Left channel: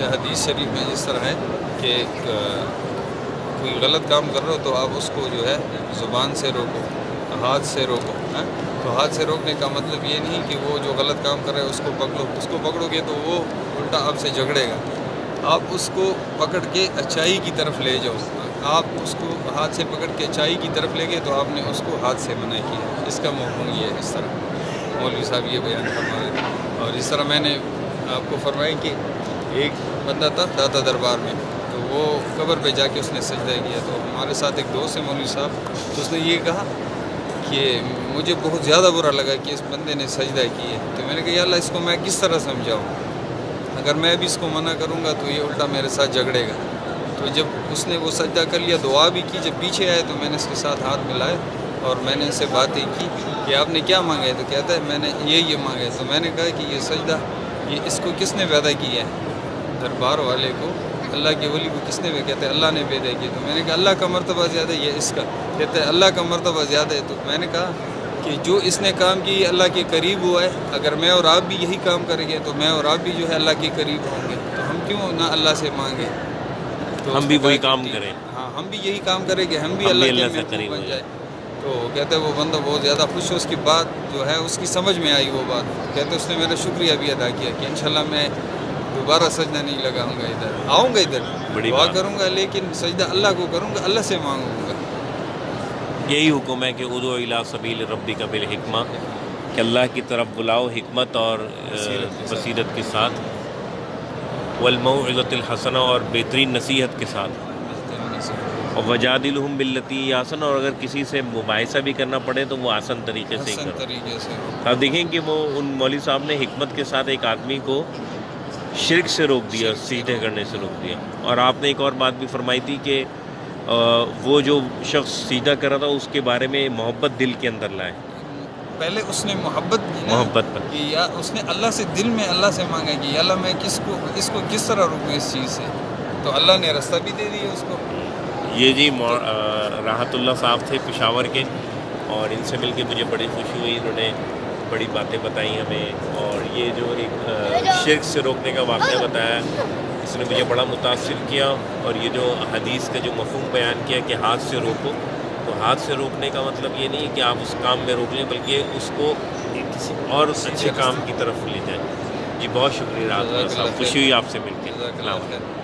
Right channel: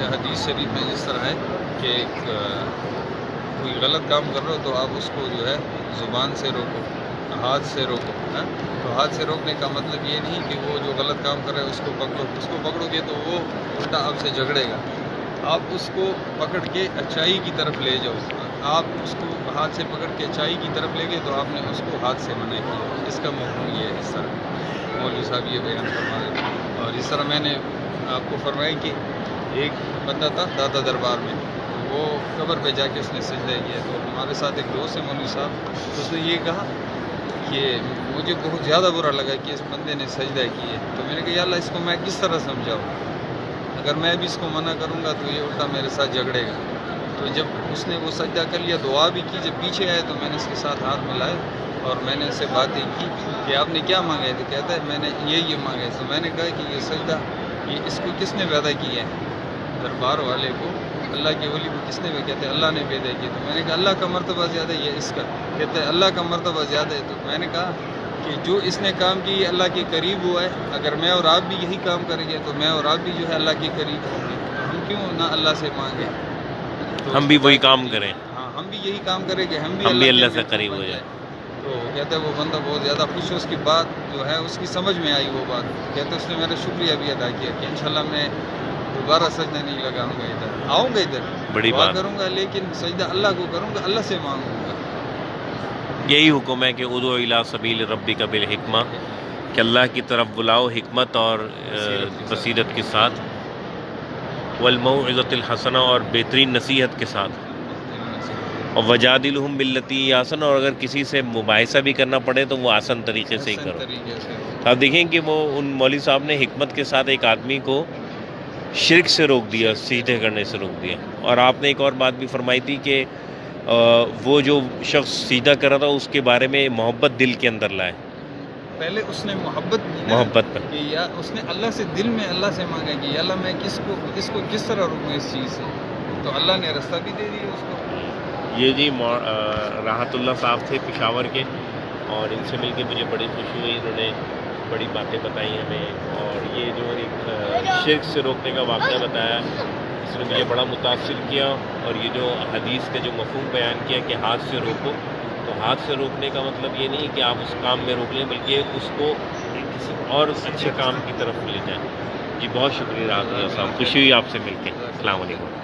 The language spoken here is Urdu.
اچھا حدیث شریف میں جس طرح ہے کہ کوئی غلط کام کر رہا ہو تو آپ اس کو جو ہے زبان سے روکو، ہاتھ سے روکو. تو ہاتھ سے روکنے کا مطلب یہ نہیں کہ وہ جو غلط کام کر رہا ہے اس کو پکڑو. اس کو پکڑو گے تو وہ الٹا آپ سے جھگڑے گا. آپ اس کو پکڑ کے اچائی کی طرف لے جاؤ. آپ اس کو ہاتھ سے پکڑ کے اچائی کی طرف لے گئے تو آپ نے اس کو ہاتھ سے منع کیا. اس کا مفہوم یہ ہے. اس طرح مولوی صاحب یہ بیان فرما رہے تھے. اور اس طرح میں نے آپ کو فرمایا کہ ایک بندہ تھا داتا دربار میں، تو وہ قبر پہ جا کے اس نے سجدہ کیا. تو ہمارے ساتھ ایک دوست ہے مولوی صاحب، تو اس نے یہ کہا کہ مجھے بہت زیادہ برا لگا کہ اس بندے نے سجدہ کی ہے. تو میں نے کہا یا اللہ اس کو میں کس طرح سمجھاؤں؟ اگر میں بھی اس کو منع کروں گا تو یہ الٹا میرے ساتھ جھگڑے گا. تو جب اس نے وہ سجدہ کر لیا، دعا بھی کی، جب پیچھے آئے تو میں نے اس کے ساتھ ہاتھ ملائے اور میں نے ان سے باتیں کی کہ آپ نے کیا مانگا ہے. تو کہتا ہے میں نے یہ مانگا ہے. تو میں نے کہا کہ یہ سجدہ یہ اس کو کس نے پیدا کیا ہے؟ دربار والے کو، اللہ کے ولی کو کس نے؟ کہتے ہیں اللہ نے پیدا کیا. تو میں نے کہا اللہ کا مرتبہ زیادہ ہے یا اس کا؟ کہتے ہیں اللہ کا مرتبہ زیادہ ہے. تو میں نے کہا کہ جو اس نے کام کی اللہ کے قریب ہوا ہے، اگر میں اور آپ بھی یہی کام کریں گے تو میں اور آپ بھی جو ہے اللہ کے قریب ہوں گے. تو ہم کیوں نہ اللہ سے مانگیں؟ تو ہم بھی وہی کام کریں. ہاں ہم بھی یہی کام کریں کہ ہم بھی اللہ سے قریب ہو جائیں. تو کہتے ہیں وہ بندہ بہت زیادہ خوش ہو. اس کی بات جو ہے اس کی سمجھ میں آئی وہ بات. کہتے اس نے میرا شکریہ بھی ادا کیا کہ انشاءاللہ میں دوبارہ سجدہ نہیں لگاؤں گا، ادھر آؤں گا، ادھر دعا کروں گا لیکن سجدہ اللہ کو کروں گا، اللہ سے مانگوں گا. یہی حکم ہے کہ ادعو الی سبیل ربک بالحکمہ، کہ اللہ کی طرف بلاؤ حکمت اور بصیرت کے ساتھ، والموعظۃ الحسنہ اور بہترین نصیحت کے ساتھ، اور وجادلہم باللتی ہی احسن، اور اگر کسی سے مباحثہ بھی کرنا پڑے تو وہ آسان طریقے سے ہی کرو. آپ دیکھیں کہ وہ ان مولوی صاحب نے حکمت کے ساتھ ایک آدمی کو شرک سے روک دیا، سجدے کرنے سے روک دیا. اور آپ نے ایک اور بات بھی فرمائی تھی کہ وہ جو شخص سجدہ کر رہا تھا اس کے بارے میں محبت دل کے اندر لائے. پہلے اس نے محبت کی نا، کہ یا اس نے اللہ سے دل میں اللہ سے مانگا کہ یا اللہ میں اس کو کس طرح روکوں اس چیز سے. تو اللہ نے راستہ بھی دے دیا اس کو. یہ جی راحت اللہ صاحب تھے پشاور کے، اور ان سے مل کے مجھے بڑی خوشی ہوئی. انہوں نے بڑی باتیں بتائی ہمیں، اور یہ جو ایک شرک سے روکنے کا واقعہ بتایا اس نے مجھے بڑا متاثر کیا. اور یہ جو حدیث کا جو مفہوم بیان کیا کہ ہاتھ سے روکو، تو ہاتھ سے روکنے کا مطلب یہ نہیں کہ آپ اس کام میں روک لیں، بلکہ اس کو کسی اور اچھے کام کی طرف لے جائیں. جی بہت شکریہ راحت اللہ صاحب، خوشی ہوئی آپ سے مل کے. السلام علیکم.